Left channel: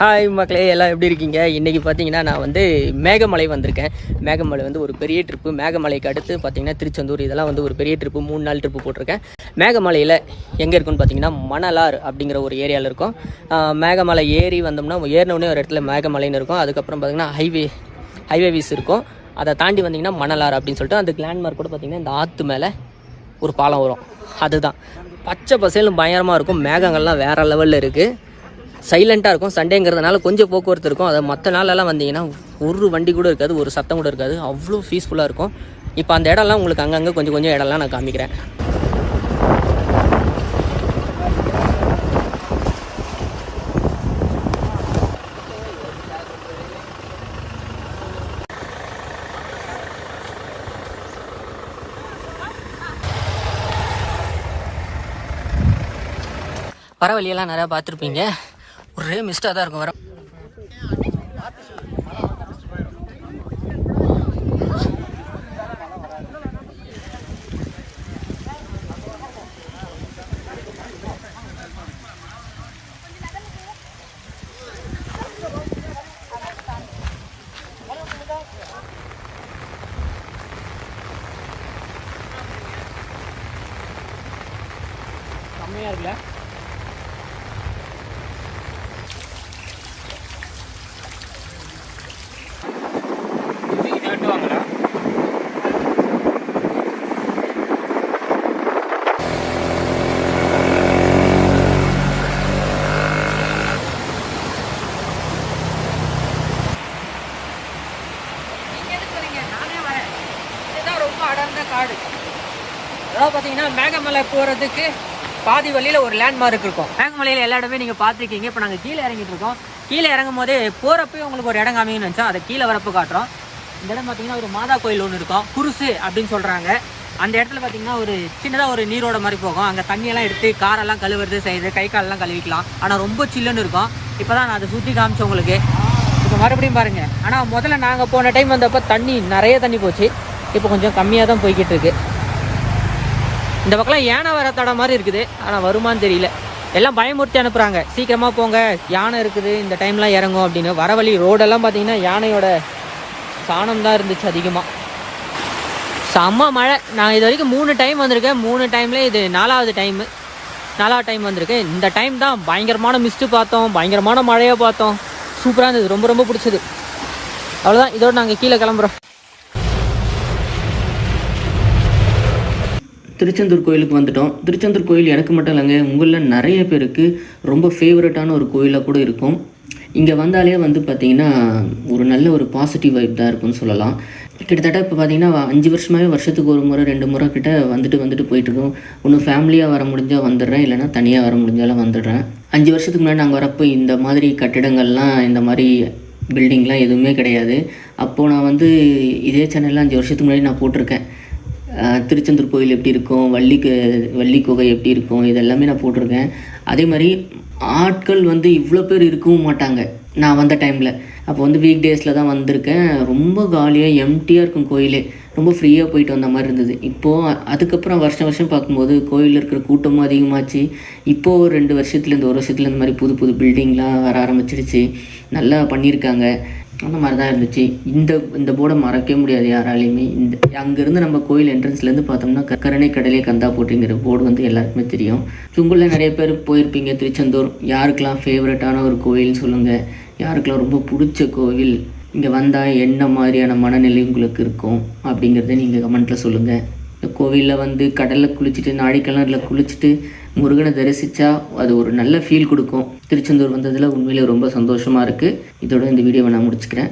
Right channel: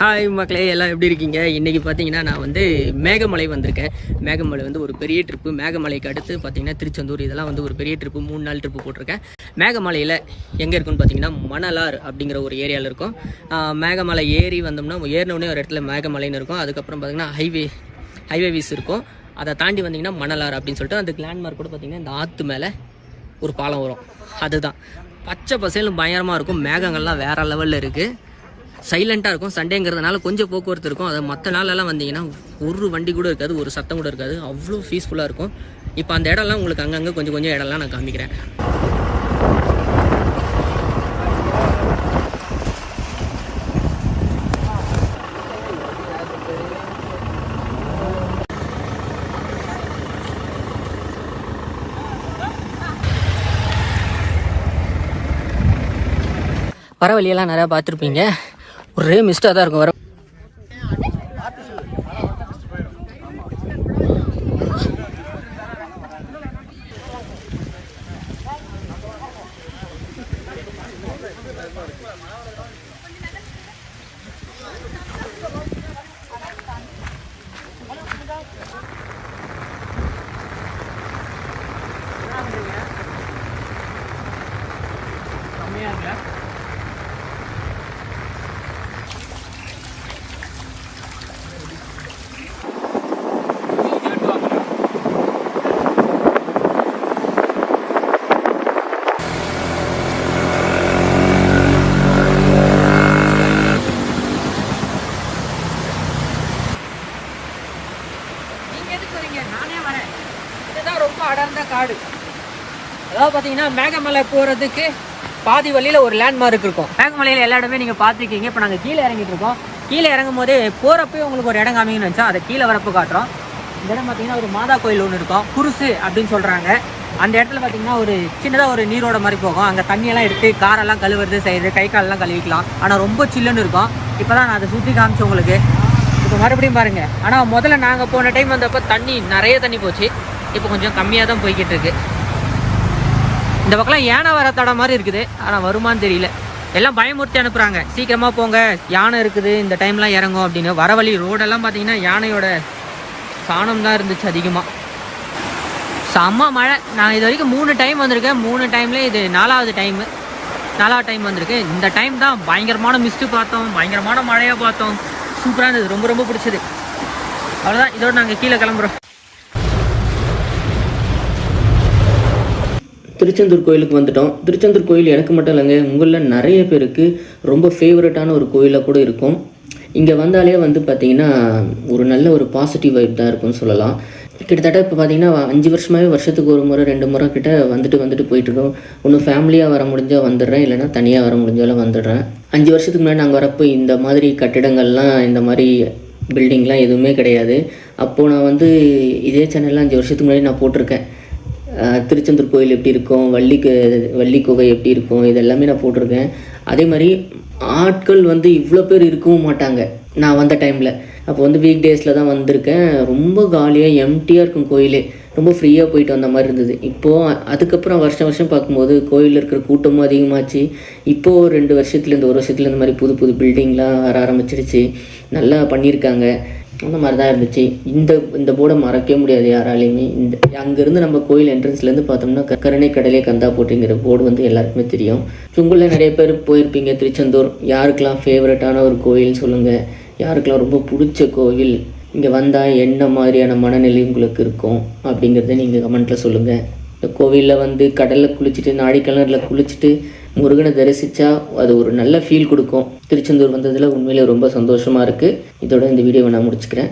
Hi மக்களே, எல்லாம் எப்படி இருக்கீங்க? இன்றைக்கி பார்த்தீங்கன்னா நான் வந்து மேகமலை வந்திருக்கேன். மேகமலை வந்து ஒரு பெரிய ட்ரிப்பு. மேகமலைக்கு அடுத்து பார்த்தீங்கன்னா திருச்செந்தூர், இதெல்லாம் வந்து ஒரு பெரிய ட்ரிப்பு. 3 நாள் ட்ரிப்பு போட்டிருக்கேன். மேகமலையில் எங்கே இருக்குன்னு பார்த்தீங்கன்னா மணலார் அப்படிங்கிற ஒரு ஏரியாவில் இருக்கும். மேகமலை ஏறி வந்தோம்னா ஏறினோடனே ஒரு இடத்துல மேகமலைன்னு இருக்கும். அதுக்கப்புறம் பார்த்தீங்கன்னா ஹைவேஸ் இருக்கும். அதை தாண்டி வந்தீங்கன்னா மணலார் அப்படின்னு சொல்லிட்டு அந்த லேண்ட்மார்க் கூட பார்த்தீங்கன்னா இந்த ஆற்று மேலே ஒரு பாலம் வரும். அதுதான் பச்சை பசேலும் பயங்கரமாக இருக்கும். மேகங்கள்லாம் வேறு லெவலில் இருக்குது. சைலண்ட்டாக இருக்கும். சண்டேங்கிறதுனால கொஞ்சம் போக்குவரத்து இருக்கும். அதை மற்ற நாளெல்லாம் வந்தீங்கன்னா ஒரு வண்டி கூட இருக்காது, ஒரு சத்தம் கூட இருக்காது. அவ்வளோ பீஸ்ஃபுல்லாக இருக்கும். இப்போ அந்த இடம்லாம் உங்களுக்கு அங்கங்கே கொஞ்சம் இடம்லாம் நான் காமிக்கிறேன். வர வழியெல்லாம் நிறையா பார்த்துருப்பீங்க. ஒரே மிஸ்டாக தான் இருக்கும். கம்மியாக இருக்குல்ல? நானே வரேன். இதுதான் ரொம்ப அடர்ந்த காடு. அதாவது பார்த்தீங்கன்னா மேகமலை போகிறதுக்கு பாதி வழியில் ஒரு லேண்ட்மார்க் இருக்கும். மேகமலையில் எல்லா இடமே நீங்கள் பார்த்துருக்கீங்க. இப்போ நாங்கள் கீழே இறங்கிட்டு இருக்கோம். கீழே இறங்கும் போதே போகிறப்பே உங்களுக்கு ஒரு இடம் காமிங்கன்னு நினச்சா அதை கீழே வரப்பு காட்டுறோம். இந்த இடம் பார்த்தீங்கன்னா ஒரு மாதா கோயில் ஒன்று இருக்கும், குருசு அப்படின்னு சொல்கிறாங்க. அந்த இடத்துல பார்த்தீங்கன்னா ஒரு சின்னதாக ஒரு நீரோட மாதிரி போகும். அங்கே தண்ணியெல்லாம் எடுத்து காரெல்லாம் கழுவுறது செய்யுது, கை காலெல்லாம் கழுவிக்கலாம். ஆனால் ரொம்ப சில்லுன்னு இருக்கும். இப்போ தான் நான் அதை சுற்றி காமிச்சேன் உங்களுக்கு. இப்போ மறுபடியும் பாருங்கள். ஆனால் முதல்ல நாங்கள் போன டைம் வந்தப்போ நிறைய தண்ணி போச்சு. இப்போ கொஞ்சம் கம்மியாக தான் போய்கிட்டு இருக்கு. இந்த பக்கம்லாம் யானை வர தடம் மாதிரி இருக்குது. ஆனால் வருமானு தெரியல. எல்லாம் பயமுறுத்தி அனுப்புகிறாங்க, சீக்கிரமாக போங்க, யானை இருக்குது, இந்த டைம்லாம் இறங்கும் அப்படின்னு. வர வழி ரோடெல்லாம் பார்த்தீங்கன்னா யானையோட சாணம் தான் இருந்துச்சு அதிகமாக. செம்ம மழை. நான் இது வரைக்கும் 3 டைம் வந்திருக்கேன். 3 டைம்ல இது 4வது டைம் வந்திருக்கேன். இந்த டைம் தான் பயங்கரமான மிஸ்ட்டு பார்த்தோம், பயங்கரமான மழையை பார்த்தோம். சூப்பராக இருந்தது, ரொம்ப பிடிச்சது. அவ்வளோதான், இதோடு நாங்கள் கீழே கிளம்புறோம். திருச்செந்தூர் கோயிலுக்கு வந்துட்டோம். திருச்செந்தூர் கோயில் எனக்கு மட்டும் இல்லைங்க, உங்களில் நிறைய பேருக்கு ரொம்ப ஃபேவரட்டான ஒரு கோயிலாக கூட இருக்கும். இங்கே வந்தாலே வந்து பார்த்திங்கன்னா ஒரு நல்ல ஒரு பாசிட்டிவ் வைப் தான் இருக்கும்னு சொல்லலாம். கிட்டத்தட்ட இப்போ பார்த்திங்கன்னா 5 வருஷமாகவே வருஷத்துக்கு 1 முறை 2 முறை கிட்ட வந்துட்டு போயிட்டுருக்கோம். ஒன்று ஃபேமிலியாக வர முடிஞ்சால் வந்துடுறேன், இல்லைனா தனியாக வர முடிஞ்சாலும் வந்துடுறேன். 5 வருஷத்துக்கு முன்னாடி நாங்கள் வரப்போ இந்த மாதிரி கட்டிடங்கள்லாம், இந்த மாதிரி பில்டிங்லாம் எதுவுமே கிடையாது. அப்போது நான் வந்து இதே சேனலில் 5 வருஷத்துக்கு முன்னாடி நான் போட்டிருக்கேன். திருச்செந்தூர் கோயில் எப்படி இருக்கும், வள்ளி குகை எப்படி இருக்கும், இதெல்லாமே நான் போட்டிருக்கேன். அதே மாதிரி ஆட்கள் வந்து இவ்வளோ பேர் இருக்கவும் மாட்டாங்க நான் வந்த டைமில். அப்போ வந்து வீக் டேஸில் தான் வந்திருக்கேன். ரொம்ப காலியாக எம்டியாக இருக்கும் கோயிலே. ரொம்ப ஃப்ரீயாக போயிட்டு வந்த மாதிரி இருந்தது. இப்போது அதுக்கப்புறம் வருஷம் பார்க்கும்போது கோயிலில் இருக்கிற கூட்டமும் அதிகமாச்சு. இப்போது 2 வருஷத்துலேருந்து 1 வருஷத்துல இந்த மாதிரி புது பில்டிங்லாம் வர ஆரம்பிச்சிடுச்சு. நல்லா பண்ணியிருக்காங்க. அந்த மாதிரி தான் இருந்துச்சு. இந்த போர்டை மறக்கவே முடியாது யாராலையுமே. அங்கேருந்து நம்ம கோயில் என்ட்ரன்ஸ்லேருந்து பார்த்தோம்னா கருணை கடலே கந்தா போட்டுங்கிற போர்டு வந்து எல்லாருக்குமே தெரியும். உங்களில் நிறைய பேர் போயிருப்பீங்க திருச்செந்தூர். யாருக்கெல்லாம் ஃபேவரட்டான ஒரு கோயில்னு சொல்லுங்கள். யாருக்கெல்லாம் ரொம்ப பிடிச்ச கோவில், இங்கே வந்தால் என்ன மாதிரியான மனநிலை உங்களுக்கு இருக்கும் அப்படிங்கிறத நீங்கள் கமெண்ட்டில் சொல்லுங்கள். இந்த கோவிலில் வந்து கடலில் குளிச்சுட்டு, நாடிக்கிணறில் குளிச்சுட்டு முருகனை தரிசித்தா அது ஒரு நல்ல ஃபீல் கொடுக்கும். திருச்செந்தூர் வந்ததில் உண்மையிலே ரொம்ப சந்தோஷமாக இருக்குது. இதோட இந்த வீடியோவை நான் முடிச்சுக்கிறேன்.